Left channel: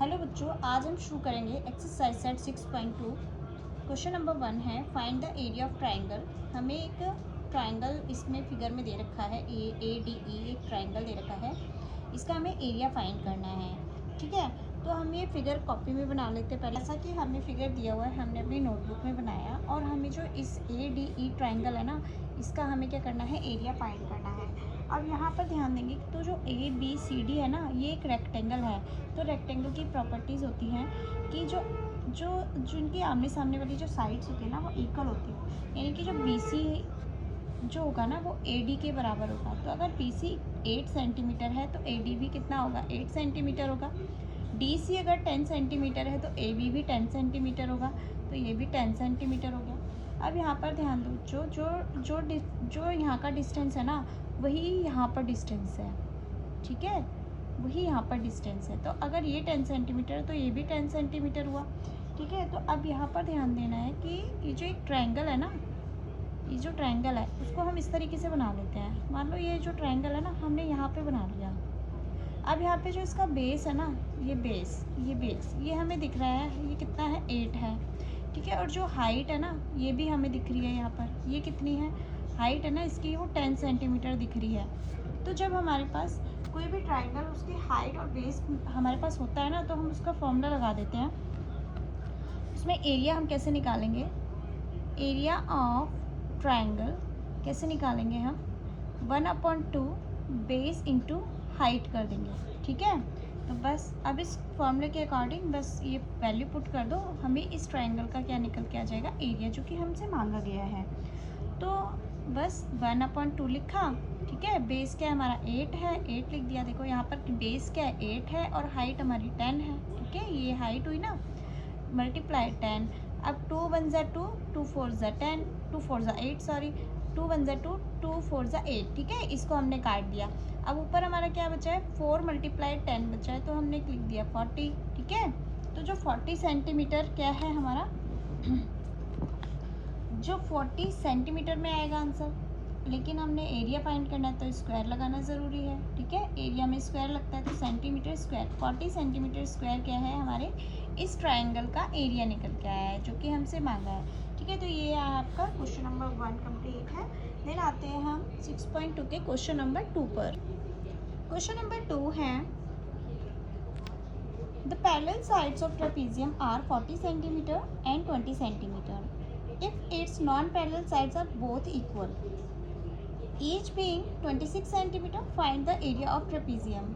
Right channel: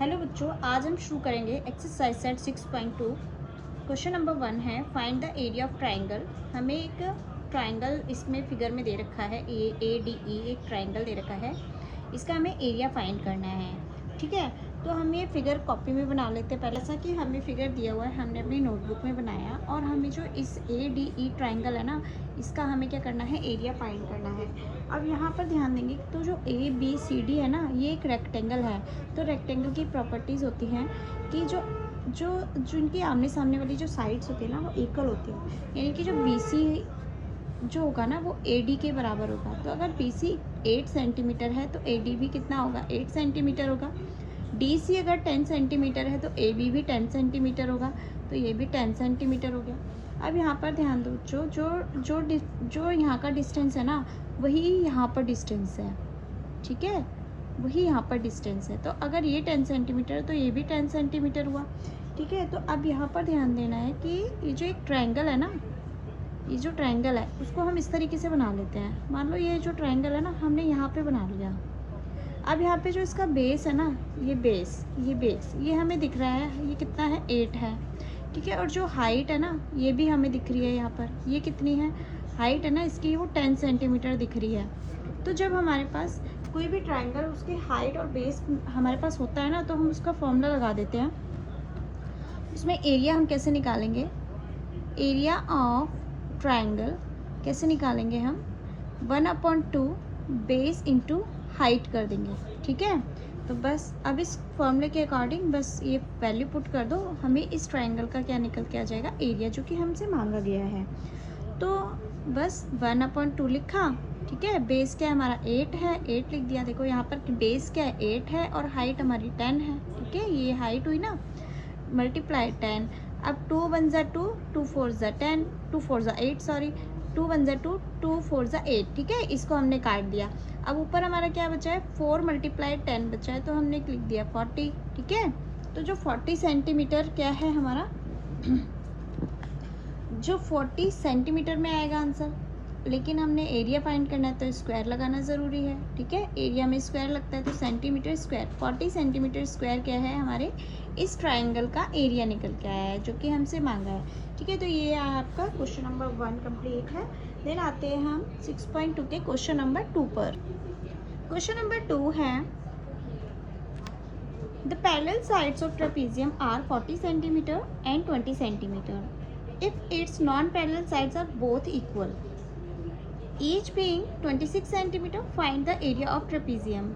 Hello बच्चों, आज हम शुरू करेंगे एक्सरसाइज सेट 6.2। क्वेश्चन नंबर 1 है find the area of triangle. हमें एक ट्राइंगल इसमें फिगर में दे रखा है, ADE एक ट्राइंगल दे रखा है। इसका हमें एरिया फाइंड करना है। ठीक है, तो हम ये फिगर कॉपी में बना लेते हैं। पहले ऐसा कि हमें फिगर दिया हुआ है, हमने अपनी नोटबुक में बनाया और हमें जो इस ADE ट्राइंगल है ना, इसका हमें क्या करना है, एरिया फाइंड करना है। अब यहाँ पर ध्यान देंगे तो जो ABCD है ना, ये एक रेक्टेंगल है। तो रेक्टेंगल की प्रॉपर्टीज़ होती हैं कि जो जो जो इनकी आमने सामने वाली जो साइड्स होती है ना, वो इक्वल होती है। यानी कि जो BC जो होगा ना, वो AD के बराबर होगा। तो अगर BC 8 सेंटीमीटर है तो AD भी कितना होगा, 8 सेंटीमीटर होगा। DC अगर 10 सेंटीमीटर है तो AB भी 10 सेंटीमीटर होगा। तो ये भी 10 सेंटीमीटर हो गया। अब यहाँ पर ध्यान दो, जो जो जो जो यहाँ का डिस्टेंस है ना, वही यहाँ पर डिस्टेंस है। ठीक है, वही यहाँ पर डिस्टेंस है। तो अगर ये 10 सेंटीमीटर है तो ये भी 10 सेंटीमीटर हुआ। ठीक है, तो अब यहाँ पर ध्यान देना है कि ये जो एक ट्रायंगल है ना, ये जो ट्रायंगल है उसको हम इस तरीके से बना लेते हैं। मान लो ये जो ट्रायंगल है ना, हमने यहाँ पे बना लिया। अब यहाँ पे जो इसका बेस है ना, ये बेस ये हमें दिख रहा है, ये कितना है, 8 है। ठीक है, और जो हाइट है ना, ये भी हमें दिख रही है। यहाँ पर ये कितनी है, हाइट है ना इसकी, वो 10 सेंटीमीटर दिख रही है। तो जब हमारे पास कोई भी ट्रायंगल, उसके हाइट और बेस हमारे पास होता है ना, तो हम उसका फॉर्मूला लगा देते हैं। इसमें एरिया हम कैसे निकालेंगे, एरिया ऑफ ट्रायंगल कैसे निकालेंगे हम, 1/2 बेस इंटू हाइट कर देंगे। ठीक है, तो बस अब इस फॉर्मूले के अकॉर्डिंग बस ये वैल्यू पुट कर दो, हमें इस ट्रायंगल का क्या निकल के आ जाएगा, एरिया, जो कि हमसे मांगा गया है। तो बस 1/2 लिखा। ठीक है, बेस क्या है हमारा, 8 है, 8 लिख दिया। देखो यहाँ पर बेस क्या है, 8 है और हाइट हमारी 10 है। ठीक है, ये हाइट हुई ना, मल्टीप्लाई 10। अब 2 1 ज़ा 2, 2 4 ज़ा 10, 2 4 ज़ा 8, सॉरी 2 1 ज़ा 2, 2 4 ज़ा 8। ठीक है, इसको हमने काट दिया। अब ऊपर हमारा क्या बचा है, 4 × 10 बचा है, तो हमने लिख दिया 40। ठीक है, तो जो 40 सेंटीमीटर क्या है हमारा, जो 40 सेंटीमीटर में आएगा आंसर। लेकिन हमने एरिया फाइंड करना है तो स्क्वायर लगाना ज़रूरी है। ठीक है, एरिया में स्क्वायर लगता है, तो सेंटीमीटर स्क्वायर, 40 सेंटीमीटर स्क्वायर क्या है हमारे इस ट्रायंगल का एरिया निकल के आया है, जो कि हमसे मांगा है। ठीक है, तो ये आपका क्वेश्चन नंबर 1 कंप्लीट है। देन आते हैं हम 6.2 के क्वेश्चन नंबर 2 पर। क्वेश्चन नंबर 2 है the parallel sides of trapezium are 40 centimetre and 20 centimetre if its non-parallel sides are both equal, each being 26 centimetre, find the area of trapezium।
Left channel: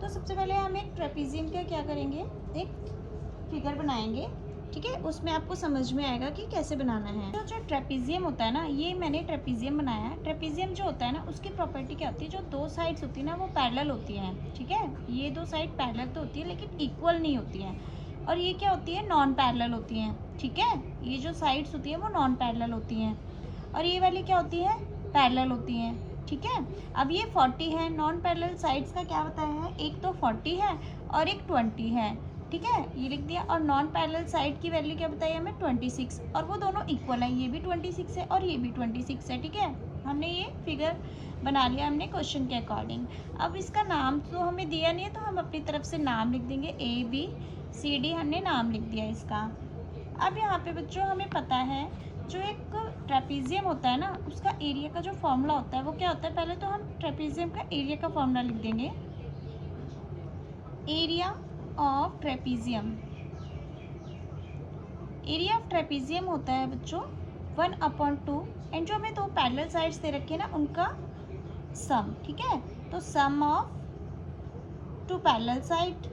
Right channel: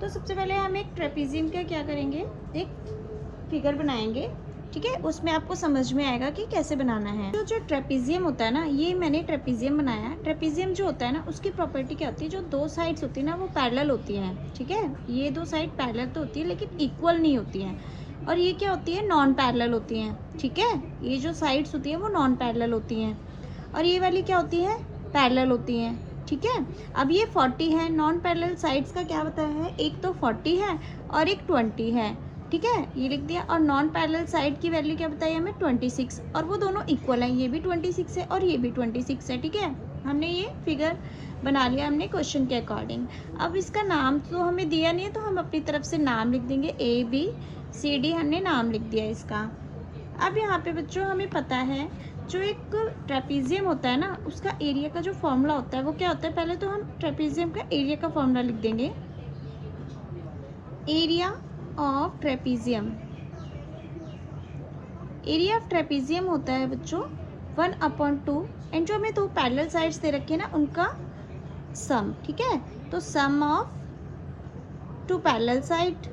तो सबसे पहले हम एक ट्रेपेजियम का क्या करेंगे, एक फिगर बनाएंगे। ठीक है, उसमें आपको समझ में आएगा कि कैसे बनाना है। तो जो ट्रेपेजियम होता है ना, ये मैंने ट्रेपेजियम बनाया है। ट्रेपेजियम जो होता है ना, उसकी प्रॉपर्टी क्या होती है, जो दो साइड्स होती है ना, वो पैरेलल होती हैं। ठीक है, ये दो साइड पैरेलल तो होती है लेकिन इक्वल नहीं होती हैं। और ये क्या होती है, नॉन पैरेलल होती हैं। ठीक है, ये जो साइड्स होती हैं वो नॉन पैरेलल होती हैं और ये वाली क्या होती है, पैरेलल होती हैं। ठीक है, अब ये 40 है, नॉन पैरेलल साइड्स का क्या बताया है, एक तो 40 है और एक 20 है। ठीक है, ये लिख दिया। और नॉन पैरेलल साइड की वैल्यू क्या बताई हमें, 26, और वो दोनों इक्वल हैं, ये भी 26 है और ये भी 26 है। ठीक है, हमने ये फिगर बना लिया हमने क्वेश्चन के अकॉर्डिंग। अब इसका नाम तो हमें दिया नहीं है, तो हम अपनी तरफ से नाम लिख देंगे, ABCD हमने नाम लिख दिया इसका। अब यहाँ पे बच्चों हमें पता है, जो एक ट्रेपेजियम होता है ना, उसका एरिया का जो फॉर्मूला होता है वो क्या होता है। पहले तो हम ट्रेपेजियम का एरिया का फॉर्मूला लिख देंगे, area of trapezium. Area of trapezium होता है बच्चों 1/2, एंड जो हमें दो पैरेलल साइड्स दे रखे हैं ना, उनका सम। ठीक है, तो सम ऑफ टू पैरेलल साइड।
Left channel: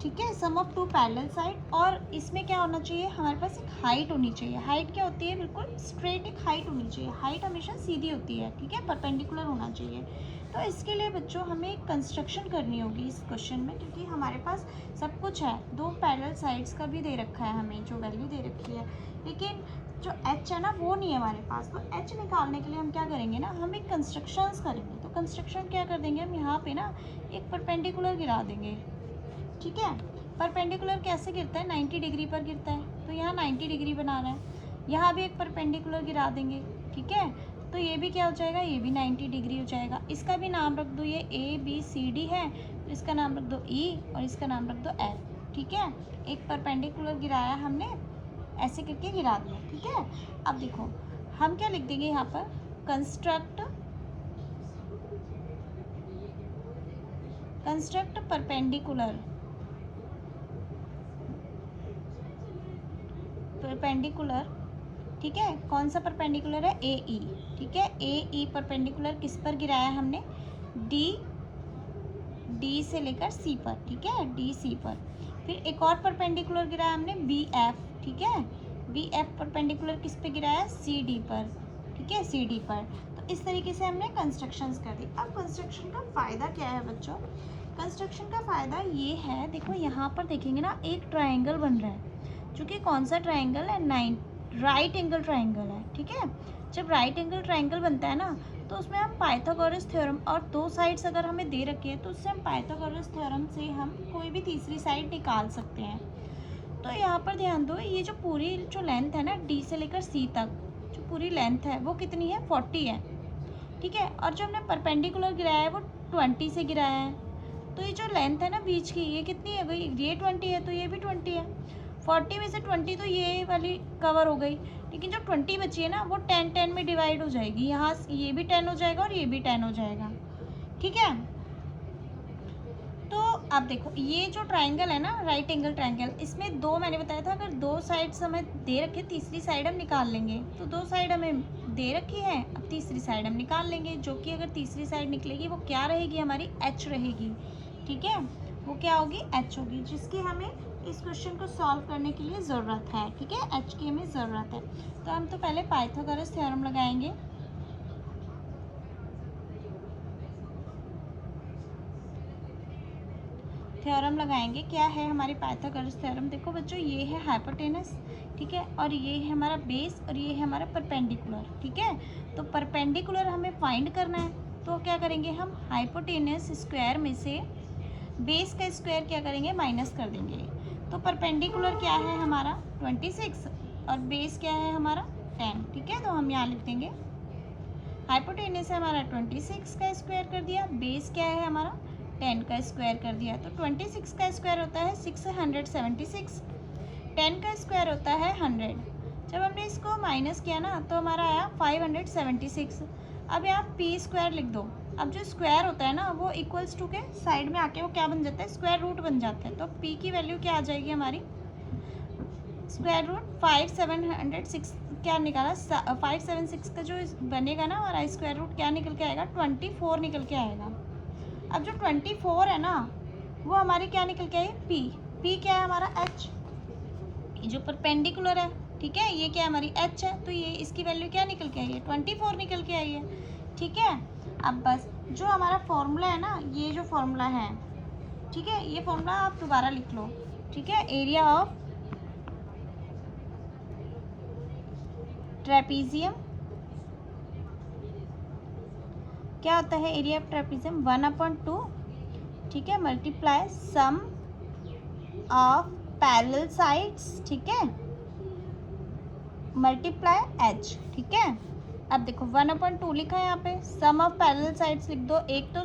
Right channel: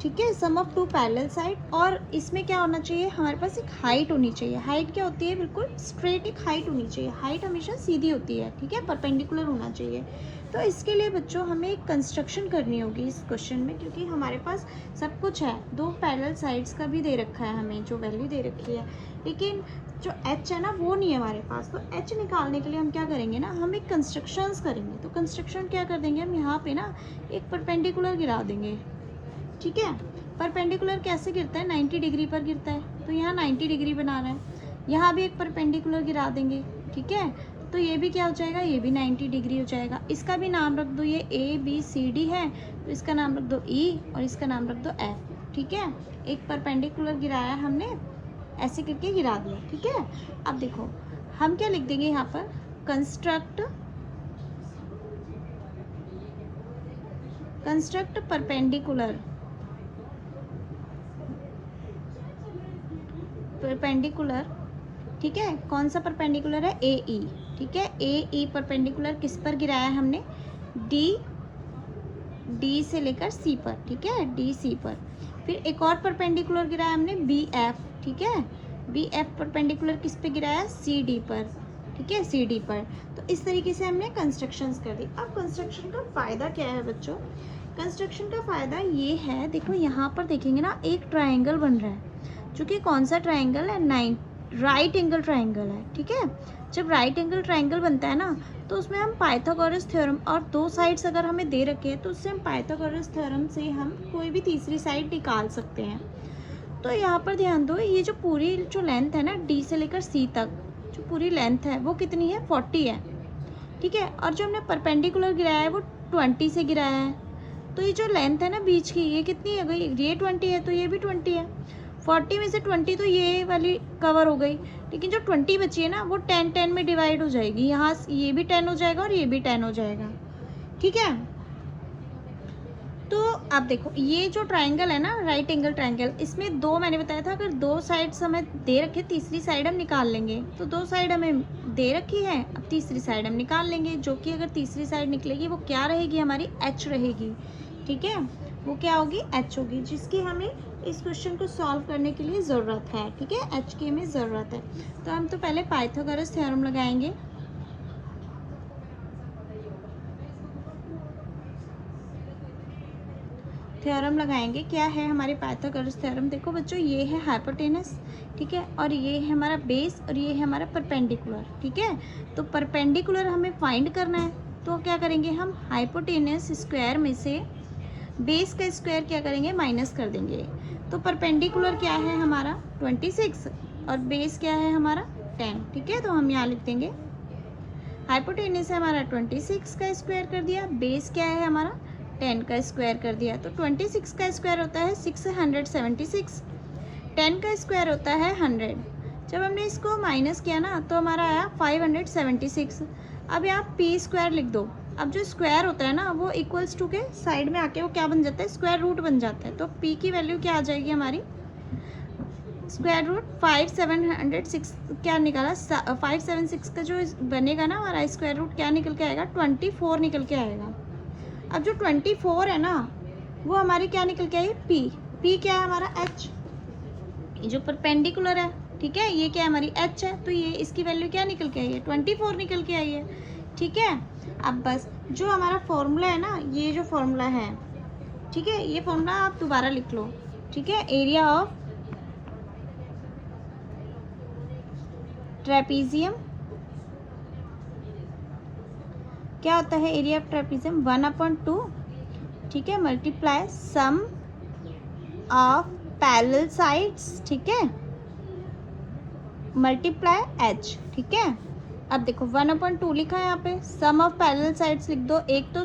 ठीक है, सम ऑफ टू पैरेलल साइड। और इसमें क्या होना चाहिए, हमारे पास एक हाइट होनी चाहिए। हाइट क्या होती है, बिल्कुल स्ट्रेट एक हाइट होनी चाहिए। हाइट हमेशा सीधी होती है। ठीक है, परपेंडिकुलर होना चाहिए। तो इसके लिए बच्चों हमें एक कंस्ट्रक्शन करनी होगी इस क्वेश्चन में, क्योंकि हमारे पास सब कुछ है, दो पैरेलल साइड्स का भी दे रखा है हमें, जो वैल्यू दे रखी है, लेकिन जो h है ना वो नहीं है हमारे पास। तो h निकालने के लिए हम क्या करेंगे ना, हम एक कंस्ट्रक्शंस करेंगे। तो कंस्ट्रक्शन क्या कर देंगे हम, यहाँ पे ना एक परपेंडिकुलर गिरा देंगे। ठीक है, परपेंडिकुलर कैसे गिरता है, 90 डिग्री पर गिरता है, तो यहाँ 90 डिग्री बना रहा है। यहाँ भी एक परपेंडिकुलर गिरा देंगे। ठीक है, तो ये भी क्या हो जाएगा, ये भी 90 डिग्री हो जाएगा। इसका भी नाम रख दो, ये ABCD है तो इसका नाम रख दो E और इसका नाम रख दो F। ठीक है, एक परपेंडिकुलर गिराया हमने, ऐसे करके गिरा दिया। ठीक है, अब देखो हम क्या लिख देंगे यहाँ पर, कंस्ट्रक्ट परपेंडिकुलर। ठीक है, कौन सा परपेंडिकुलर है, AE। ठीक है, AE परपेंडिकुलर किस पर गिराया हमने, D से लेकर C पर। ठीक है, DC पर। फिर एक और परपेंडिकुलर गिराया हमने BF। ठीक है, BF परपेंडिकुलर किस पे गिराया, CD पर। ठीक है, CD पर। तो इस तरीके से हमने कंस्ट्रक्शंस कर दी। अब कंस्ट्रक्शन का फ़ायदा क्या है बच्चों, कंस्ट्रक्शन का फ़ायदा ये है, देखो यहाँ पर देखेंगे ना, एक ट्राइंगल बन रहा है, जो कि कौन सा ट्राइंगल है, राइट एंगल ट्राइंगल है। ठीक है, जब राइट एंगल ट्राइंगल बनता है ना, तो उसमें हम पाइथागोरस थ्योरम, और दो साइड्स अगर हमें दे रखे हैं तो उससे हम पाइथागोरस थ्योरम से हम कोई भी तीसरी साइड निकाल सकते हैं। तो यहाँ पर ध्यान दो, ये जो पूरी जो लेंथ है ना, D से लेकर C तक जो पूरी लेंथ है वो कितनी है, 40 है। ठीक है, और जो हमने परपेंडिकुलर गिराया है वो 20 से गिराया है। तो ये जो लेंथ है ना बीच की, ये कितनी हो गई, ये 20 है तो ये भी 20 है। 40 में से 20 तो ये वाली कवर हो गई, लेकिन जो 20 बची है ना वो 10 में डिवाइड हो जाएगी। यहाँ ये भी 10 हो जाएगा और ये भी 10 हो जाएगा। ठीक है, तो आप देखो ये जो ट्राइंगल है ना, राइट एंगल ट्राइंगल, इसमें दो मैंने बताया था, अगर दो साइड्स हमें दे रखे, तीसरी साइड हम निकाल लेंगे। तो दो साइड हमें दे रखी है, अब तीसरी साइड हम निकाल लेंगे, जो कि अगर तीसरी साइड निकलेगी वो क्या रहेगी, हमारी H रहेगी। ठीक है, वो क्या होगी, H होगी, जिसकी हमें इस क्वेश्चन को सॉल्व करने के लिए ज़रूरत है। ठीक है, H की हमें ज़रूरत है। तो हम तो पहले पाइथागोरस थ्योरम लगाएंगे। थ्योरम लगाएंगे, क्या है हमारे पाइथागोरस थ्योरम, देखो बच्चों ये है हाइपोटेनस। ठीक है, और ये है हमारा बेस और ये है हमारा परपेंडिकुलर। ठीक है, तो परपेंडिकुलर हमें फाइंड करना है, तो क्या करेंगे हम, हाइपोटेनस स्क्वायर में से बेस का स्क्वायर क्या करेंगे, माइनस कर देंगे। तो परपेंडिकुलर क्या है हमारा 26 और बेस क्या है हमारा 10। ठीक है, तो हम यहाँ लिख देंगे हाइपोटेनस है हमारा 26 का स्क्वायर कर दिया, बेस क्या है हमारा 10 का स्क्वायर कर दिया। तो 26 का स्क्वायर होता है 676, 10 का स्क्वायर होता है 100। जब हमने इसको माइनस किया ना तो हमारा आया 576। अब यहाँ p स्क्वायर लिख दो। अब जो स्क्वायर होता है ना वो इक्वल्स टू के साइड में आके वो क्या बन जाता है, स्क्वायर रूट बन जाता है। तो p की वैल्यू क्या आ जाएगी हमारी, स्क्वायर रूट 576 क्या निकाला, 576 का जो बनेगा ना हमारा स्क्वायर रूट क्या निकल के आएगा, 24 निकल के आएगा। अब जो 24 है ना वो हमारी क्या निकल के आई, p क्या है हमारा H, ये जो परपेंडिकुलर है। ठीक है, ये क्या है हमारी H है, तो ये इसकी वैल्यू क्या निकल के आई है, 24 निकल के आई है। ठीक है, अब बस जो हमारा फॉर्मूला है ना, ये जो फॉर्मूला है, ठीक है, ये फॉर्मूला आप दोबारा लिख लो। ठीक है, एरिया ऑफ ट्रेपीजियम क्या होता है, एरिया ऑफ ट्रेपीजियम 1/2। ठीक है, multiply sum of parallel sides. ठीक है, मल्टीप्लाई H। ठीक है, अब देखो 1/2 लिखा है यहाँ पे, सम ऑफ पैरेलल साइड्स लिख दो। एक तो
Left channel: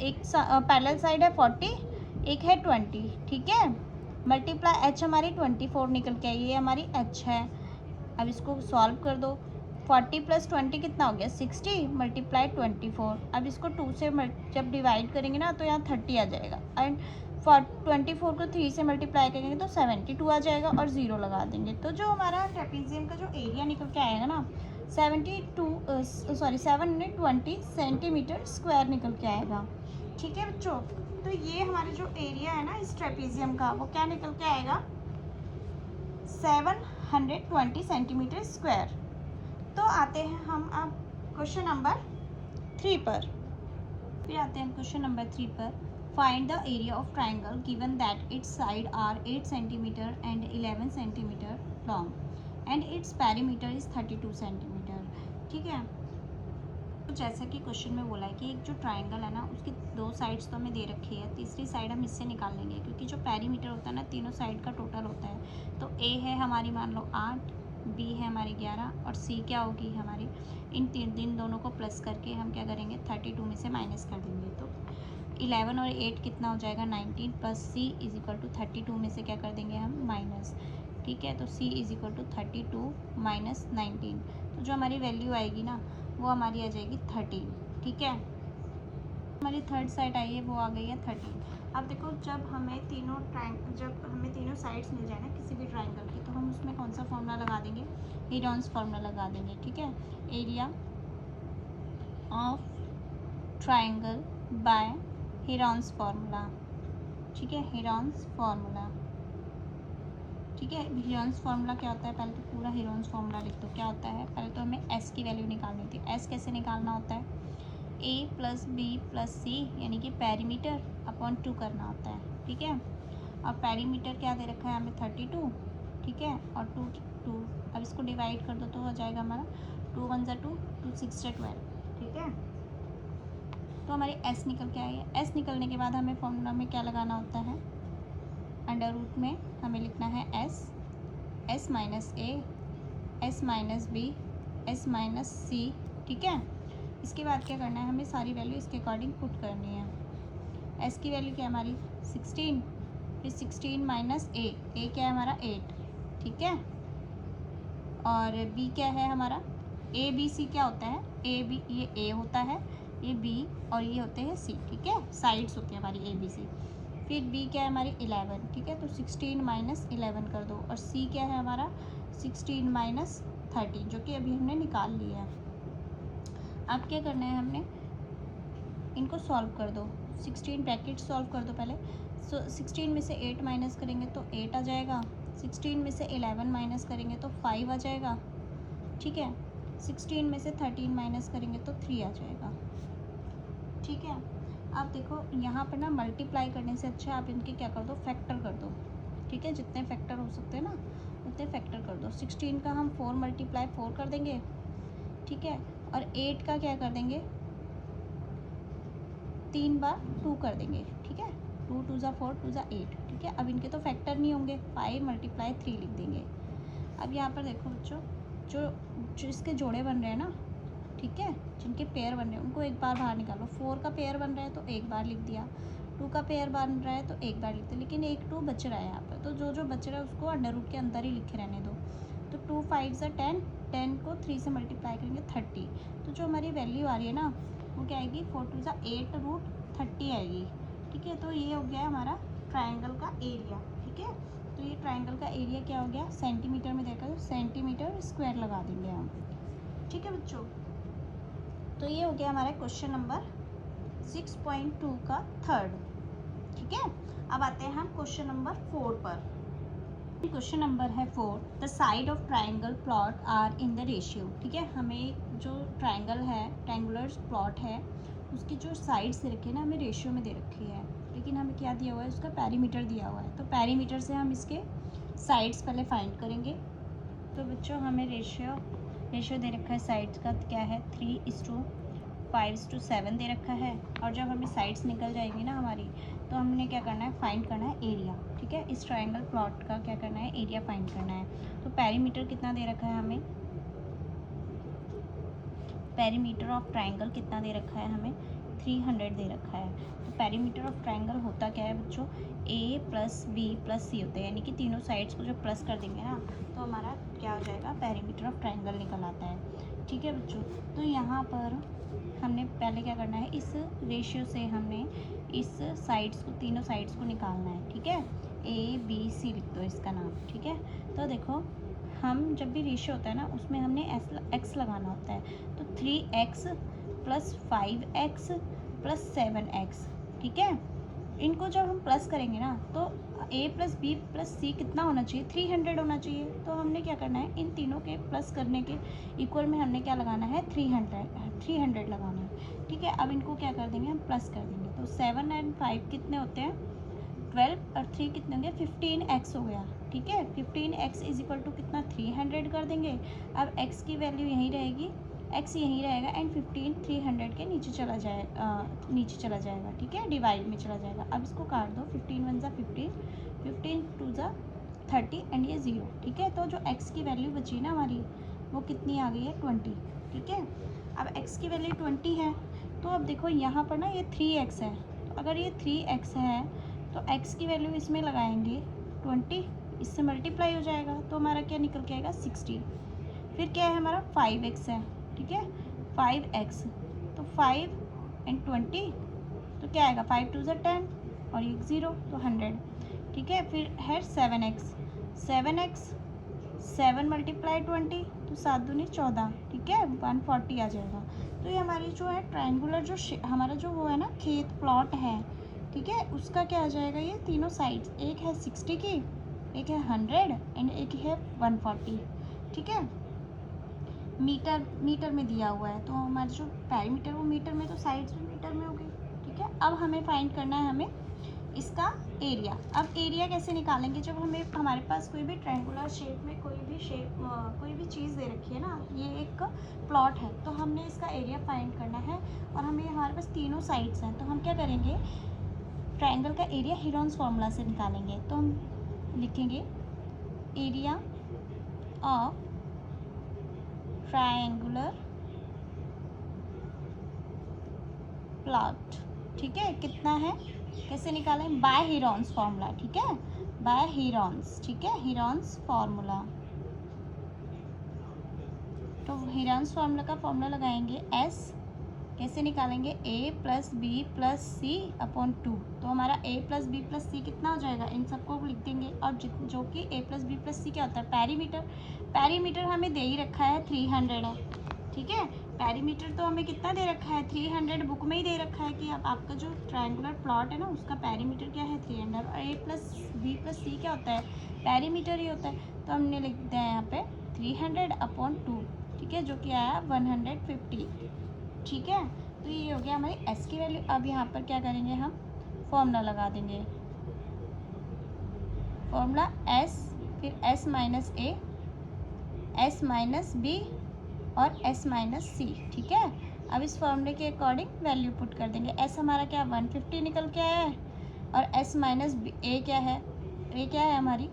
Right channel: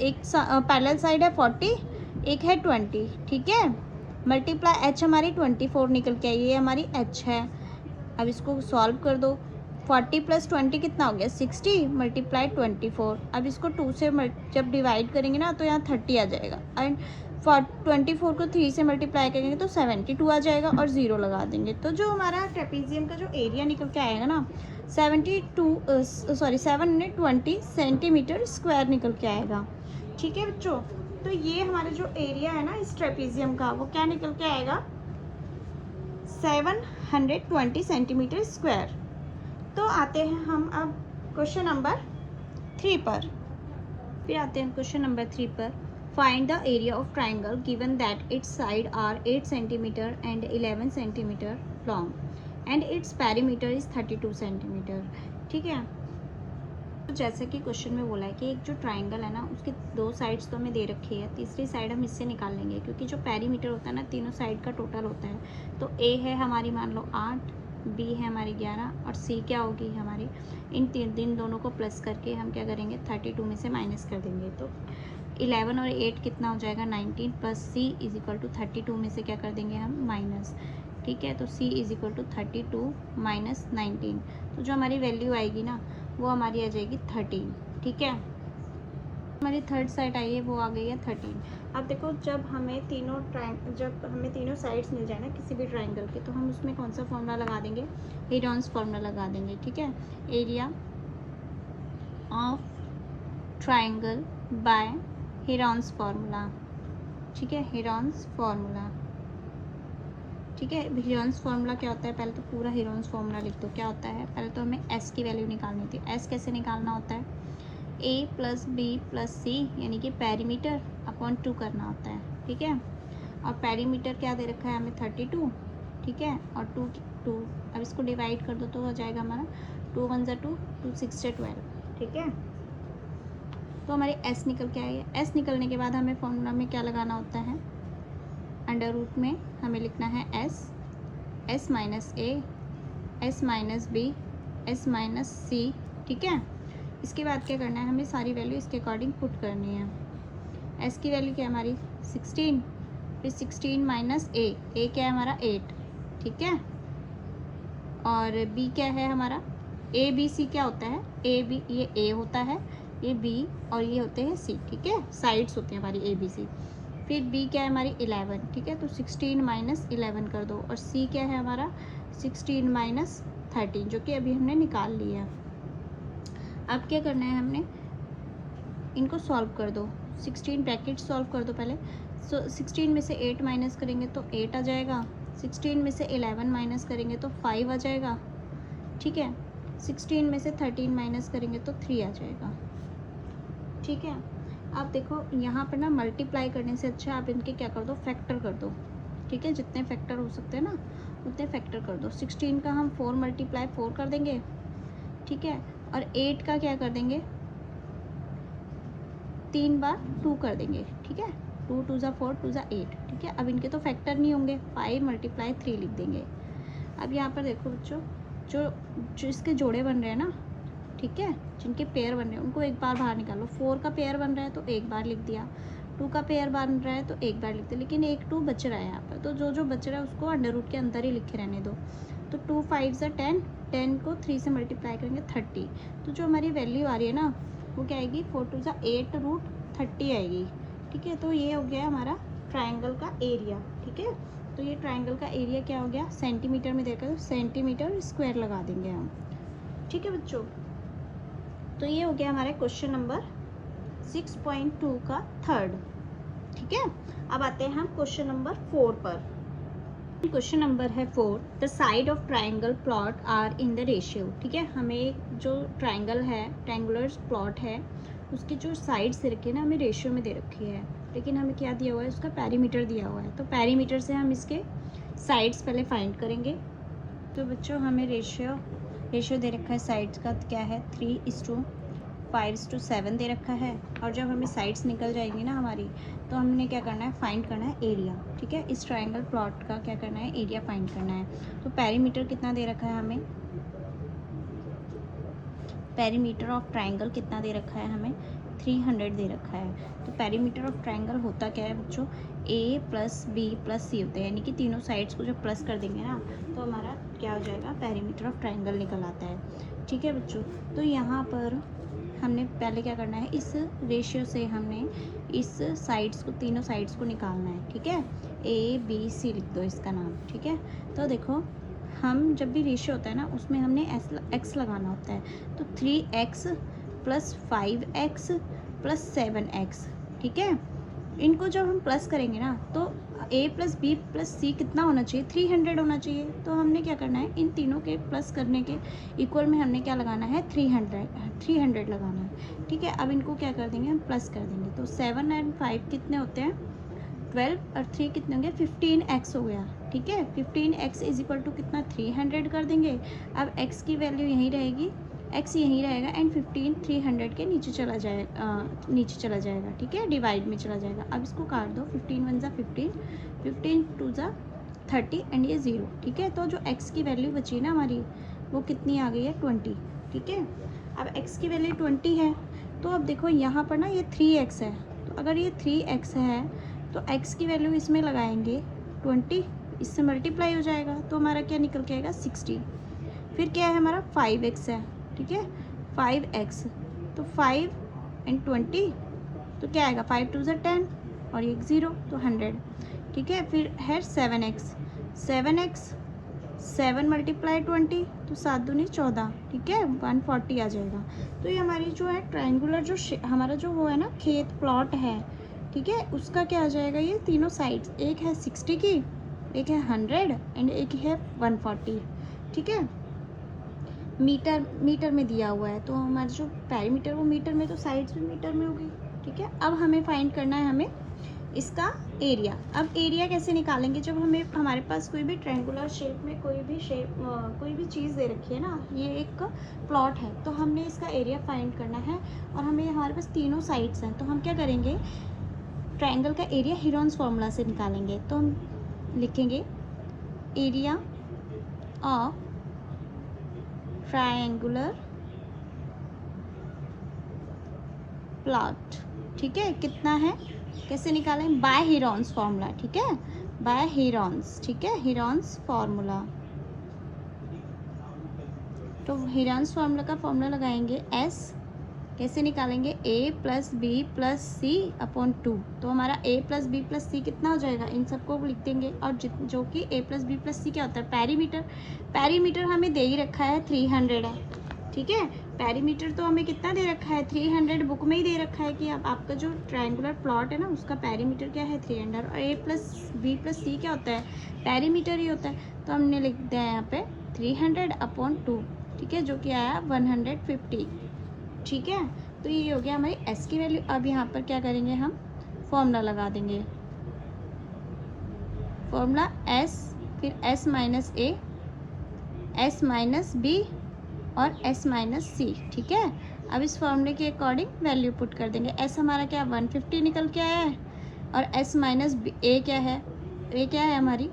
एक पैरेलल साइड है 40, एक है 20। ठीक है, मल्टीप्लाई H हमारी 24 निकल के आई, ये हमारी H है। अब इसको सॉल्व कर दो, 40 + 20 कितना हो गया, 60, मल्टीप्लाई 24। अब इसको 2 से जब डिवाइड करेंगे ना तो यहाँ 30 आ जाएगा, एंड 24 को 3 से मल्टीप्लाई करेंगे तो 72 आ जाएगा और 0 लगा देंगे। तो जो हमारा ट्रेपीजियम का जो एरिया निकल के आएगा ना 720 सेंटीमीटर स्क्वायर निकल के आएगा। ठीक है बच्चों, तो ये हमारे जो एरिया है ना इस ट्रेपीजियम का वो क्या निकल के आएगा, 720 सेंटीमीटर स्क्वायर। तो आते हैं हम अब क्वेश्चन नंबर 3 पर। फिर आते हैं क्वेश्चन नंबर 3 पर। Find the area of triangle given that its side are 8 centimetre and 11 centimetre long and its perimeter is 32 centimetre. ठीक है, तो जैसा कि क्वेश्चन में बोला है कि एक जो ट्राइंगल है ना उसके दो साइड्स तो हमें दे रखी है, तीसरी साइड हम इससे निकाल लेंगे, क्योंकि जो पेरीमीटर होता है ना तीनों साइड का टोटल होता है। तो ए है हमारी मान लो 8, बी है हमारी 11 और सी क्या होगी हमारी, इन तीन दोनों को प्लस करके हम क्या करेंगे 32 में से माइनस कर देंगे। तो 11 और 8 कितना हो जाएगा 19 plus C is equal to 32 में से क्या कर देंगे हम माइनस। ठीक है, तो सी इज इक्वल टू 32 माइनस 19, तो जो हमारी वैल्यू आएगी ना वो हमारी आ जाएगी 13। ठीक है, हमारी थर्ड साइड आई है वो आ गई है 13। अब देखो जब हमें तीनों साइड्स मिल जाए ना किसी भी ट्राइंगल के, तो हम उसमें कौन सा फॉर्मूला लगा देंगे, हेरॉन्स फार्मूला लगा देंगे। ठीक है, area of triangle by Heron's formula. ठीक है, हेरॉन्स फार्मूला। ठीक है, हेरॉन्स फार्मूला क्या होता है, पहले तो पूरा हेरॉन्स फार्मूला लिख दो। क्या होता है, पहले तो हमें एस की वैल्यू निकालनी थी। एस कैसे निकालना होता है, ए प्लस बी प्लस सी यानी कि पेरीमीटर अपॉन 2 करना होता है। ठीक है, और पेरीमीटर क्या दे रखा है हमें 32। ठीक है, और 2 अब इसको डिवाइड कर दो तो हो जाएगा हमारा 2 1 जा 2, 2 6 जा 12। ठीक है, तो हमारी एस निकल के आई है। एस निकलने के बाद हमें फॉर्मूला में क्या लगाना होता है, अंडर रूट में हमें लिखना है S minus A, S minus B, S minus C. ठीक है, इसके बाद क्या करना है, हमें सारी वैल्यू इसके अकॉर्डिंग पुट करनी है। एस की वैल्यू क्या है हमारी 16, फिर 16 माइनस ए क्या है हमारा 8। ठीक है, और बी क्या है हमारा, ए बी सी क्या होता है, ए बी, ये ए होता है, ये बी और ये होते हैं सी। ठीक है, साइड्स होती हैं हमारी ए बी सी। फिर बी क्या है हमारी 11। ठीक है, तो 16 माइनस 11 कर दो, और सी क्या है हमारा 16 माइनस 13 जो कि अभी हमने निकाल लिया। अब क्या करना है, हमने इनको सॉल्व कर दो। 16 ब्रैकेट सॉल्व कर दो पहले। 16 में से 8 माइनस करेंगे तो 8 आ जाएगा। 16 में से 11 माइनस करेंगे तो 5 आ जाएगा। ठीक है, 16 में से 13 माइनस करेंगे तो 3 आ जाएगा। ठीक है, अब देखो यहाँ पर ना मल्टीप्लाई करने से अच्छा आप इनके क्या कर दो, फैक्टर कर दो। ठीक है, जितने फैक्टर हो सकते हैं ना उतने फैक्टर कर दो। 16 का हम 4 मल्टीप्लाई 4 कर देंगे। ठीक है, और 8 का क्या कर देंगे, 3 बार 2 कर देंगे। ठीक है, 2 2 जा 4, 2 जा 8। ठीक है, अब इनके तो फैक्टर नहीं होंगे, 5 मल्टीप्लाई 3 लिख देंगे। अब यहाँ पर देखो बच्चों, जो इसके जोड़े बन रहे हैं ना, ठीक है, जिनके पेयर बन रहे हैं उनको एक बार बाहर निकालो। 4 का पेयर बन रहा है तो एक बार लिख दिया, 2 का पेयर बन रहा है तो एक बार लिख दिया, लेकिन 1 2 बच रहा है यहाँ पर, तो जो बच रहा है उसको अंडर रूट के अंदर ही लिखे रहने दो। तो 2 5 जा 10, 10 को 3 से मल्टीप्लाई करेंगे 30। तो जो हमारी वैल्यू आ रही है ना वो क्या आएगी, 4 2 जा 8 रूट 30 आएगी। ठीक है, तो ये हो गया हमारा ट्राइंगल का एरिया। ठीक है, तो ये ट्राइंगल का एरिया क्या हो गया, सेंटीमीटर में देकर सेंटीमीटर स्क्वायर लगा देंगे हम। ठीक है बच्चों, तो ये हो गया हमारा क्वेश्चन नंबर 6.2 का थर्ड। ठीक है, अब आते हैं हम क्वेश्चन नंबर 4 पर। क्वेश्चन नंबर है 4, the side of triangle plot are in the ratio. ठीक है, हमें जो ट्राइंगल है, ट्राइंगुलर प्लॉट है, उसकी जो साइड्स दे रखी है ना हमें रेशियो में दे रखी है, लेकिन हमें क्या दिया हुआ है, उसका पेरीमीटर दिया हुआ है। तो पेरीमीटर से हम इसके साइड्स पहले फाइंड करेंगे। तो बच्चों हमें रेशियो दे रखा है साइड्स का, क्या है 3:5:7 दे रखा है। और जब हमें साइड्स निकल जाएंगी ना हमारी, तो हमने क्या करना है, फाइंड करना है एरिया। ठीक है, इस ट्राइंगल प्लॉट का क्या करना है, एरिया फाइंड करना है। तो पेरीमीटर कितना दे रखा है हमें, पेरीमीटर ऑफ ट्राइंगल कितना दे रखा है हमें, 300 दे रखा है। तो पेरीमीटर ऑफ ट्राइंगल होता क्या है बच्चों, ए प्लस बी प्लस सी होते हैं, यानी कि तीनों साइड्स को जब प्लस कर देंगे ना तो हमारा क्या हो जाएगा, पेरीमीटर ऑफ ट्राइंगल निकल आता है। ठीक है बच्चों, तो यहाँ पर हमने पहले क्या करना है, इस रेशियो से हमने इस साइड्स को, तीनों साइड्स को निकालना है। ठीक है, ए बी सी लिख दो इसका नाम। ठीक है, तो देखो हम जब भी रेशियो होता है ना उसमें हमने एक्स लगाना होता है। तो 3x plus 5x plus 7x। ठीक है, इनको जब हम प्लस करेंगे ना तो a plus B plus C कितना होना चाहिए, 300 होना चाहिए। तो हमने क्या करना है, इन तीनों के प्लस करने के इक्वल में हमने क्या लगाना है, 300 लगाना है। ठीक है, अब इनको क्या कर देंगे, हम प्लस कर देंगे। तो 7 और 5 कितने होते हैं, 12 और 3 कितने होंगे, 15x हो गया। ठीक है, 15x इज इक्वल टू कितना, 300 कर देंगे। अब x की वैल्यू यहीं रहेगी, x यहीं रहेगा, एंड 15 300 के नीचे चला जाएगा। ठीक है, डिवाइड में चला जाएगा। अब इसको काट दो, 15 1 जा 15, 15 2 जा 30 एंड ये 0, ठीक है। तो जो x की वैल्यू बची ना हमारी वो कितनी आ गई है 20, ठीक है। अब x की वैल्यू 20 है तो अब देखो यहाँ पर ना ये 3x है, तो अगर ये 3x है तो x की वैल्यू इसमें लगाएंगे 20, इससे मल्टीप्लाई हो जाएगा तो हमारा क्या निकल के आएगा 60। फिर क्या है हमारा 5x है, ठीक है 5x, तो 5 एंड 20 तो क्या आएगा 5 2 10 और एक 0 तो 100, ठीक है। फिर है 7x, 7 मल्टीप्लाई 20 तो 7 दूनी 14, ठीक है 140 आ जाएगा। तो ये हमारी जो है ट्रायंगुलर जो हमारा जो वो है ना खेत प्लॉट है, ठीक है, उसका क्या आ जाएगा, ये तीनों साइड्स, एक है 60 की, एक है 100 एंड एक है 140, ठीक है। मीटर में दिया हुआ है तो हमारा जो पेरीमीटर वो मीटर में, तो साइड्स भी मीटर में होगी, ठीक है। अब हमें फाइंड करना है हमें इसका एरिया। अब एरिया कैसे निकालेंगे, जब हमें हमारे पास कोई भी ट्रायंगुलर शेप में कोई भी चीज़ दे रखी है ना, ये एक प्लॉट है तो हमने इसका एरिया फाइंड करना है और हमें हमारे पास तीनों साइड्स हैं, तो हम क्या करेंगे ट्रायंगल का एरिया हीरोन्स फॉर्मूला से निकालेंगे। तो हम लिखेंगे एरिया ऑफ ट्रायंगुलर प्लॉट, ठीक है, कितना है, कैसे निकालें, बाय हीरोन्स फॉर्मूला, ठीक है, बाय हीरोन्स, ठीक है, हीरोन्स फॉर्मूला। तो हीरोन्स फॉर्मूला का फॉर्मूला लगाएंगे S, कैसे निकालेंगे a plus B plus C upon 2, तो हमारा a plus B plus C कितना हो जाएगा, इन सबको लिख देंगे। और जो कि a प्लस बी प्लस सी क्या होता है पेरीमीटर, पेरीमीटर हमें दे ही रखा है 300 है, ठीक है। पेरीमीटर तो हमें कितना दे रखा है 300, बुक में ही दे रखा है कि आपका जो ट्रायंगुलर प्लॉट है ना उसका पेरीमीटर क्या है 300, और a प्लस बी प्लस सी क्या होता है पेरीमीटर ही होता है, तो हमने लिख दिया यहाँ पे 300 अपॉन 2, ठीक है, जो कि आया 150, ठीक है। तो ये हो गया हमारी s की वैल्यू। अब यहाँ पर क्या करेंगे हम फॉर्मूला लगा देंगे, फॉर्मूला s, फिर s minus a, s minus b और s माइनस c, ठीक है। अब इस फॉर्मूले के अकॉर्डिंग वैल्यू पुट कर देंगे। s हमारा क्या 150 निकल के आया है और s माइनस a क्या है, a क्या है हमारी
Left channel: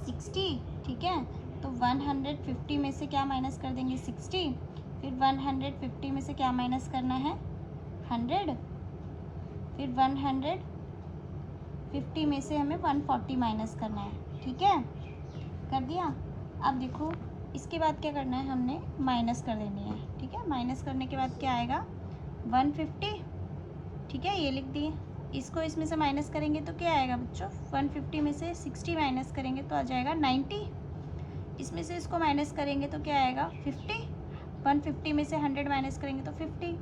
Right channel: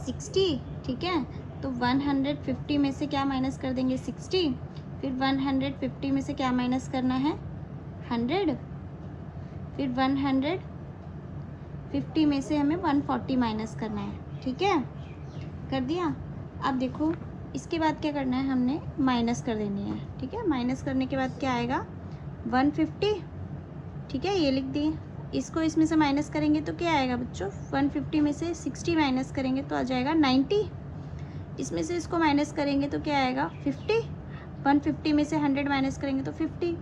60, ठीक है। तो 150 में से क्या माइनस कर देंगे 60, फिर 150 में से क्या माइनस करना है 100, फिर 150 में से हमें 140 माइनस करना है, ठीक है, कर दिया। अब देखो इसके बाद क्या करना है, हमने माइनस कर देनी है, ठीक है। माइनस करने के बाद क्या आएगा 150, ठीक है, ये लिख दिए। इसको इसमें से माइनस करेंगे तो क्या आएगा बच्चों 150 में से 60 माइनस करेंगे तो आ जाएगा 90, इसमें से इसको माइनस करेंगे तो क्या आएगा 50, 150 में से 100 माइनस करेंगे तो 50,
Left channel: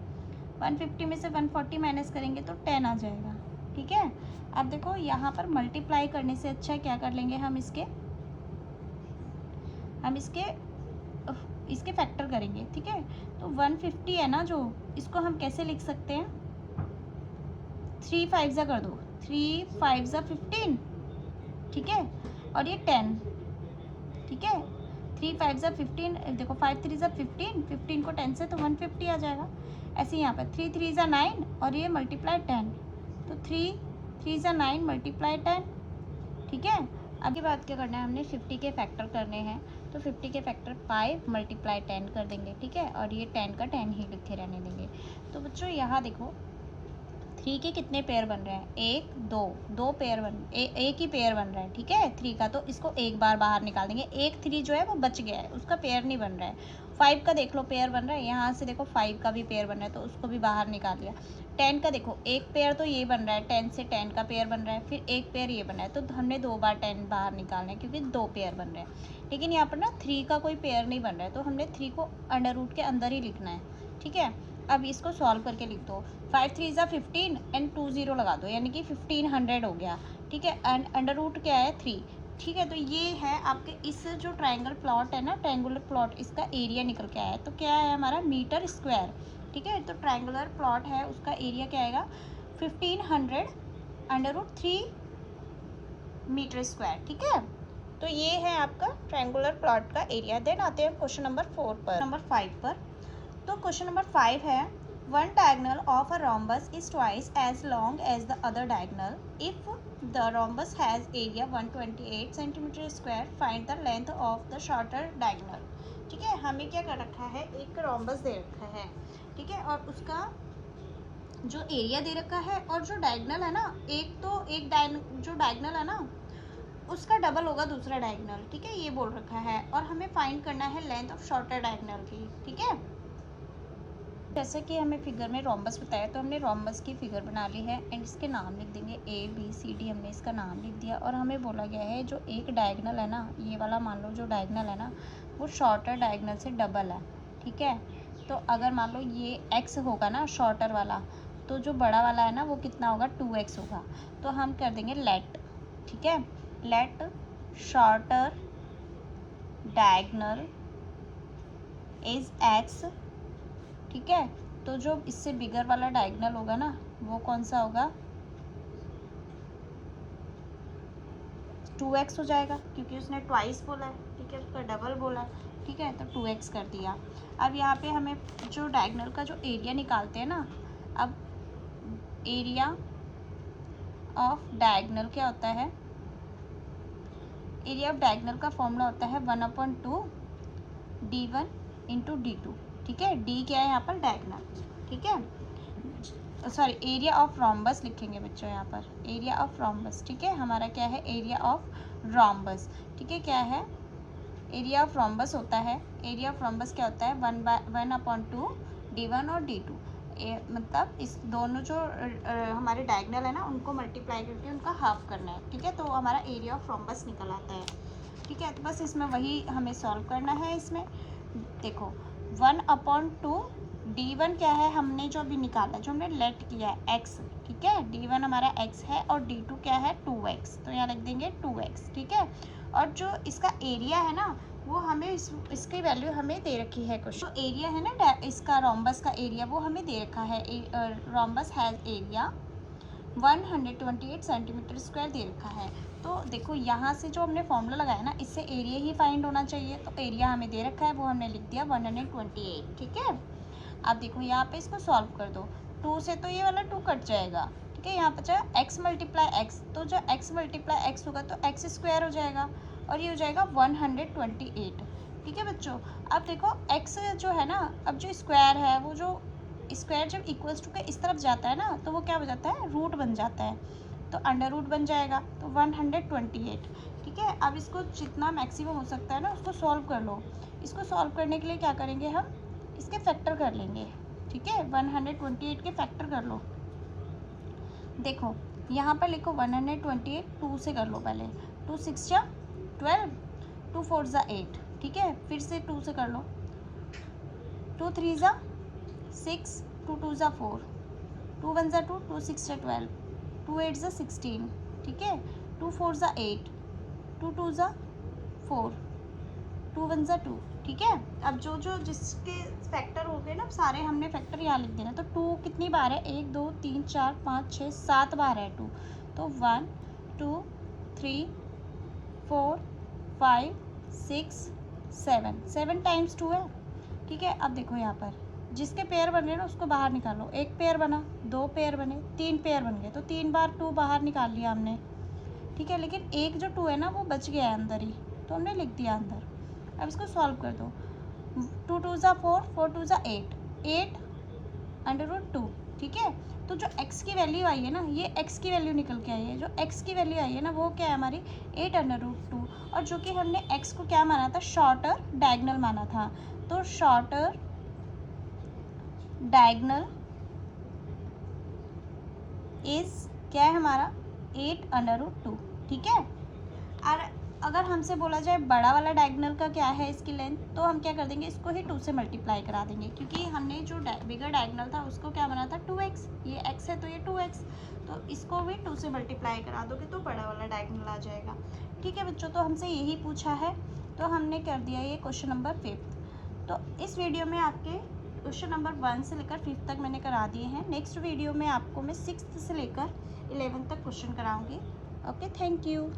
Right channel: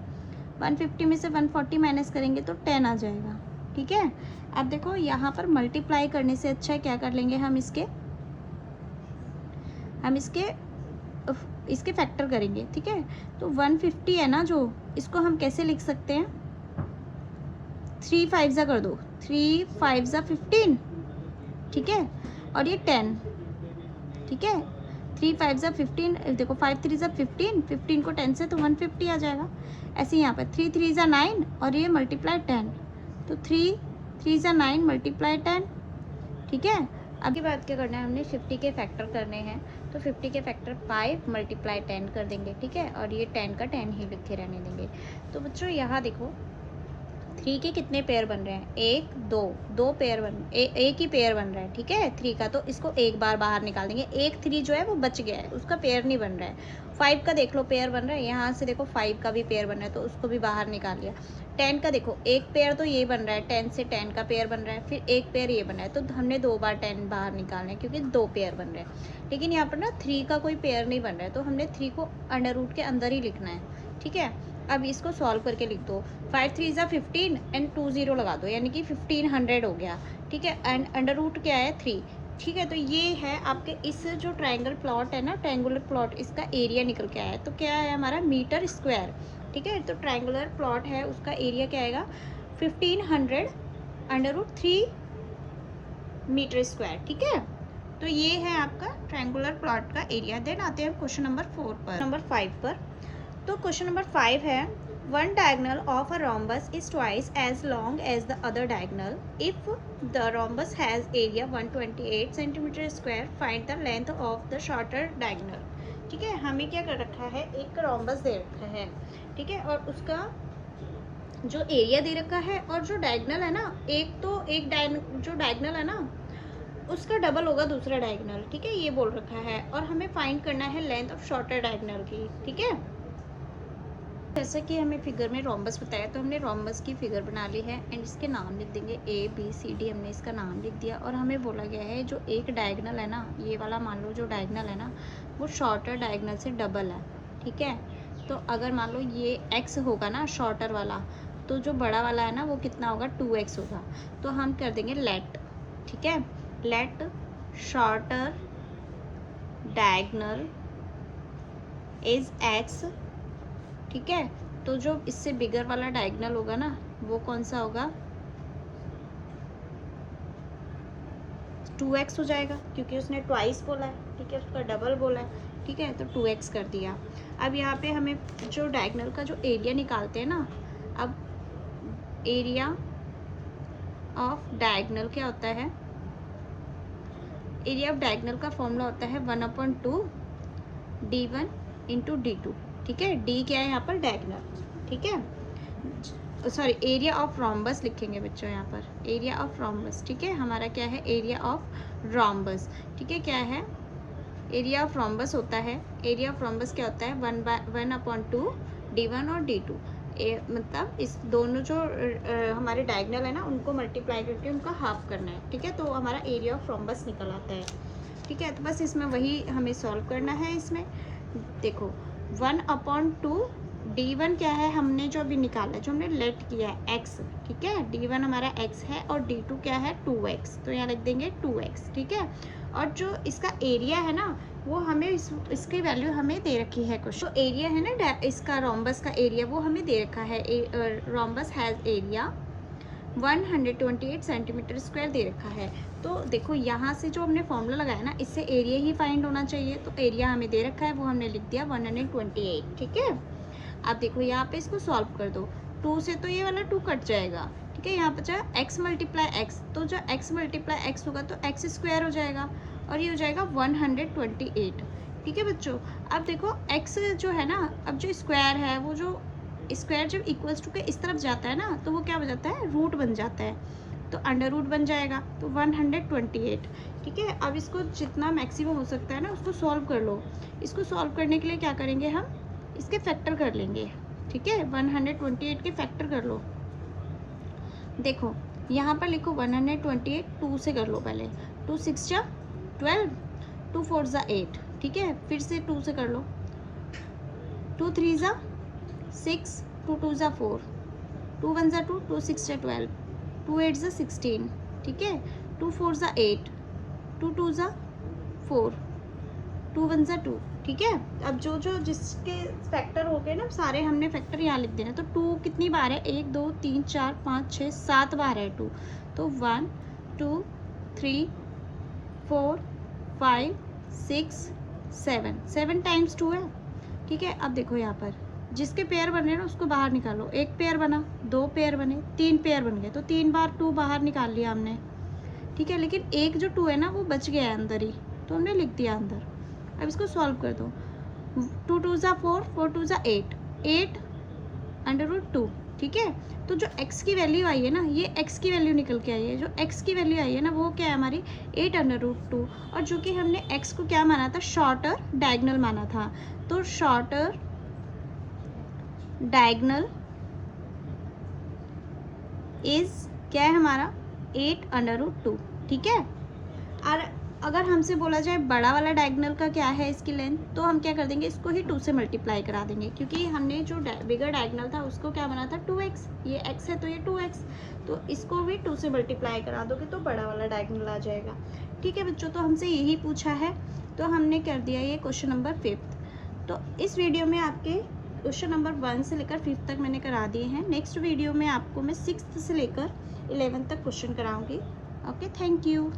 150 में से 140 माइनस करेंगे तो 10 आ जाएगा, ठीक है। अब देखो यहाँ पर मल्टीप्लाई करने से अच्छा क्या कर लेंगे हम इसके फैक्टर करेंगे, ठीक है। तो 150 है ना जो, इसको हम कैसे लिख सकते हैं 3 5 जा कर दो, 3 5 जा 15, ठीक है, और ये 10, ठीक है, 3 5 जा 15, देखो 5 3 जा 15, 15 को 10 से तो 150 आ जाएगा। ऐसे यहाँ पर 3 3 जा 9 और ये मल्टीप्लाई 10, तो 3 3 जा 9 मल्टीप्लाई 10, ठीक है। अब के बाद क्या करना है, हमने 50 के फैक्टर करने हैं, तो 50 के फैक्टर 5 मल्टीप्लाई 10 कर देंगे, ठीक है, और ये 10 का 10 ही लिखे रहने देंगे। तो बच्चों यहाँ देखो 3 के कितने पेयर बन रहे हैं, 1 2 2 पेयर एक ही पेयर बन रहा है, ठीक है 3 का, तो इसको एक बार बाहर निकाल देंगे। एक 3 जो है वो बच गया है, उसका पेयर नहीं बन रहा है। 5 का देख लो पेयर बन रहा है, यहाँ से देखो 5 का भी पेयर बन रहा है तो उसको भी बाहर निकाल लिया। 10 का देखो एक पेयर तो ये बन रहा है, 10 से 10 का पेयर बन रहा है, फिर एक पेयर ये बन रहा है, तो हमने 2 बार 10 बाहर निकालना है क्योंकि 2 पेयर बन रहे हैं। लेकिन यहाँ पर ना 3 का कोई पेयर नहीं बन रहा है, तो हमने 3 को अंडर रूट के अंदर ही लिखना है, ठीक है। अब इसको सॉल्व करके लिख दो, 5 3 जा 15 एंड 2 0 लगा दो, यानी कि 1500 हो गया, ठीक है। एंड अंडर रूट क्या है 3, ठीक है। तो ये है आपके इस जो ट्रायंगल प्लॉट है ना, ट्रायंगुलर प्लॉट, इसका एरिया निकल के आया है। तो क्या है हमारा मीटर स्क्वायर, ठीक है। तो ट्रायंगुलर प्लॉट है उसका एरिया क्या आएगा 1500 अंडर रूट 3 मीटर स्क्वायर, ठीक है। तो ये है आपका ट्रायंगुलर प्लॉट का एरिया। देन आते हैं क्वेश्चन नंबर 4 पर, नंबर 5 पर। तो क्वेश्चन नंबर 5 है One diagonal of a rhombus is twice as long as the other diagonal. If the rhombus has area 128 centimeter square, find the length of the shorter diagonal. ठीक है, हमें क्या कर रखा है, एक rhombus दे रखा है, ठीक है, और उसका जो एरिया दे रखा है और जो डायगनल है ना, जो डायगनल है ना उसका डबल होगा दूसरा डायगनल, ठीक है, ये बोल रखा है, और हमें फाइंड करना है लेंथ ऑफ शॉर्टर डायगनल की, ठीक है। जैसा कि हमें फिगर में रोम्बस बताया, तो हमने रोम्बस की फिगर बना ली है एंड इसके नाम लिख देंगे ABCD, हमने इसका नाम लिख दिया। और हमें बोला गया है जो एक डायगनल है ना, ये वाला मान लो जो डायगनल है ना वो शॉर्टर डायगनल से डबल है, ठीक है। तो अगर मान लो ये x होगा ना शॉर्टर वाला, तो जो बड़ा वाला है ना वो कितना होगा, 2x होगा। तो हम कर देंगे लेट, ठीक है, let shorter diagonal is x, ठीक है। तो जो इससे बिगर वाला डायगनल होगा ना वो कौन सा होगा, 2x हो जाएगा, क्योंकि उसने ट्वाइस बोला है, ठीक है, उसका डबल बोला है, ठीक है, तो 2x कर दिया। अब यहाँ पे हमें जो डायगनल का जो एरिया निकालते हैं ना, अब एरिया ऑफ डायगनल क्या होता है, एरिया ऑफ डायगनल का फॉर्मूला होता है 1/2 d1 इंटू d2, ठीक है। d क्या है यहाँ पर, डायगनल, ठीक है, सॉरी एरिया ऑफ रोम्बस लिखेंगे बच्चों यहाँ पर, एरिया ऑफ रोम्बस, ठीक है। हमारा क्या है, एरिया ऑफ रोम्बस, ठीक है, क्या है, एरिया ऑफ रोम्बस होता है, एरिया ऑफ रोम्बस क्या होता है, 1/2 d1 और d2, मतलब इस दोनों जो हमारे डायगनल है ना उनको मल्टीप्लाई करके उनका हाफ करना है, ठीक है, तो हमारा एरिया ऑफ रोम्बस निकल आता है, ठीक है। तो बस इसमें वही हमें सॉल्व करना है। इसमें देखो 1/2 d1 क्या है, हमने जो अभी निकाला है, जो हमने लेट किया है x, ठीक है, d1 हमारा x है और d2 क्या है 2x, तो यहाँ लिख देंगे 2x, ठीक है। और जो इसका एरिया है ना वो हमें इसकी वैल्यू हमें दे रखी है कुछ, तो एरिया है ना इसका रोम्बस का एरिया वो हमें दे रखा है, rhombus has area 128 centimetre square दे रखा है। तो देखो यहाँ से जो हमने फॉर्मूला लगाया ना, इससे एरिया ही फाइंड होना चाहिए, तो एरिया हमें दे रखा है वो हमने लिख दिया 128, ठीक है। अब देखो यहाँ पे इसको सॉल्व कर दो, 2 से तो ये वाला 2 कट जाएगा, ठीक है, यहाँ बचा x मल्टीप्लाई x, तो जो x मल्टीप्लाई x होगा तो x स्क्वायर हो जाएगा और ये हो जाएगा 128, ठीक है बच्चों। अब देखो x जो है ना, अब जो स्क्वायर है वो जो स्क्वायर जब इक्वल्स टू के इस तरफ जाता है ना तो वो क्या हो जाता है, रूट बन जाता है, तो अंडर रूट बन जाएगा, तो 128, ठीक है। अब इसको जितना मैक्सिमम हो सकता है ना उसको सॉल्व कर लो। इसको सॉल्व करने के लिए क्या करेंगे, हम इसके फैक्टर कर लेंगे, ठीक है, 128 के फैक्टर कर लो। देखो यहाँ पर लिखो 128, 2 से कर लो पहले, 2 6 जा 12, 2 4 जा 8, ठीक है, फिर से 2 से कर लो, 2 3 जा 6, 2 2 जा 4, 2 1 जा 2, 2 6 जा 12, 2 8 जा 16, ठीक है, 2 4 जा 8, 2 2 जा 4, 2 1 जा 2, ठीक है। अब जो जो जिसके फैक्टर हो गए ना सारे हमने फैक्टर यहाँ लिख देना, तो 2 कितनी बार है, 1 2 3 4 5 6 7 बार है 2, तो 1 2 3 4 5 6 7 टाइम्स 2 है, ठीक है। अब देखो यहाँ पर जिसके पेयर बन रहे हैं ना उसको बाहर निकालो, एक पेयर बना, 2 पेयर बने, 3 पेयर बन गए, तो 3 बार 2 बाहर निकाल लिया हमने, ठीक है। लेकिन एक जो 2 है ना वो बच गया है अंदर ही, तो हमने लिख दिया अंदर। अब इसको सॉल्व कर दो, 2 2 जा 4, 4 2 जा 8, 8 अंडर रूट 2, ठीक है। तो जो x की वैल्यू आई है ना, ये x की वैल्यू निकल के आई है, जो x की वैल्यू आई है ना वो क्या है हमारी 8 अंडर रूट 2, और जो कि हमने x को क्या माना था, शॉर्टर डायगनल माना था, तो शॉर्टर डायगनल इज क्या है हमारा 8 अंडर रूट 2, ठीक है। और अगर हमसे बोला जाए बड़ा वाला डायगनल का क्या है इसकी लेंथ, तो हम क्या कर देंगे, इसको ही 2 से मल्टीप्लाई करा देंगे, क्योंकि हमने जो बिगर डायगनल था उसको क्या बना था 2x, ये x है तो ये 2x, तो इसको भी 2 से मल्टीप्लाई करा दोगे तो बड़ा वाला डायगनल आ जाएगा, ठीक है बच्चों। तो हमसे यही पूछा है तो हमने कर दिया ये क्वेश्चन नंबर 5। तो इस वीडियो में आपके क्वेश्चन नंबर 1 से लेकर 5 तक मैंने करा दिए हैं। नेक्स्ट वीडियो में आपको मैं 6th से लेकर 11th तक क्वेश्चन कराऊंगी। Okay, thank you.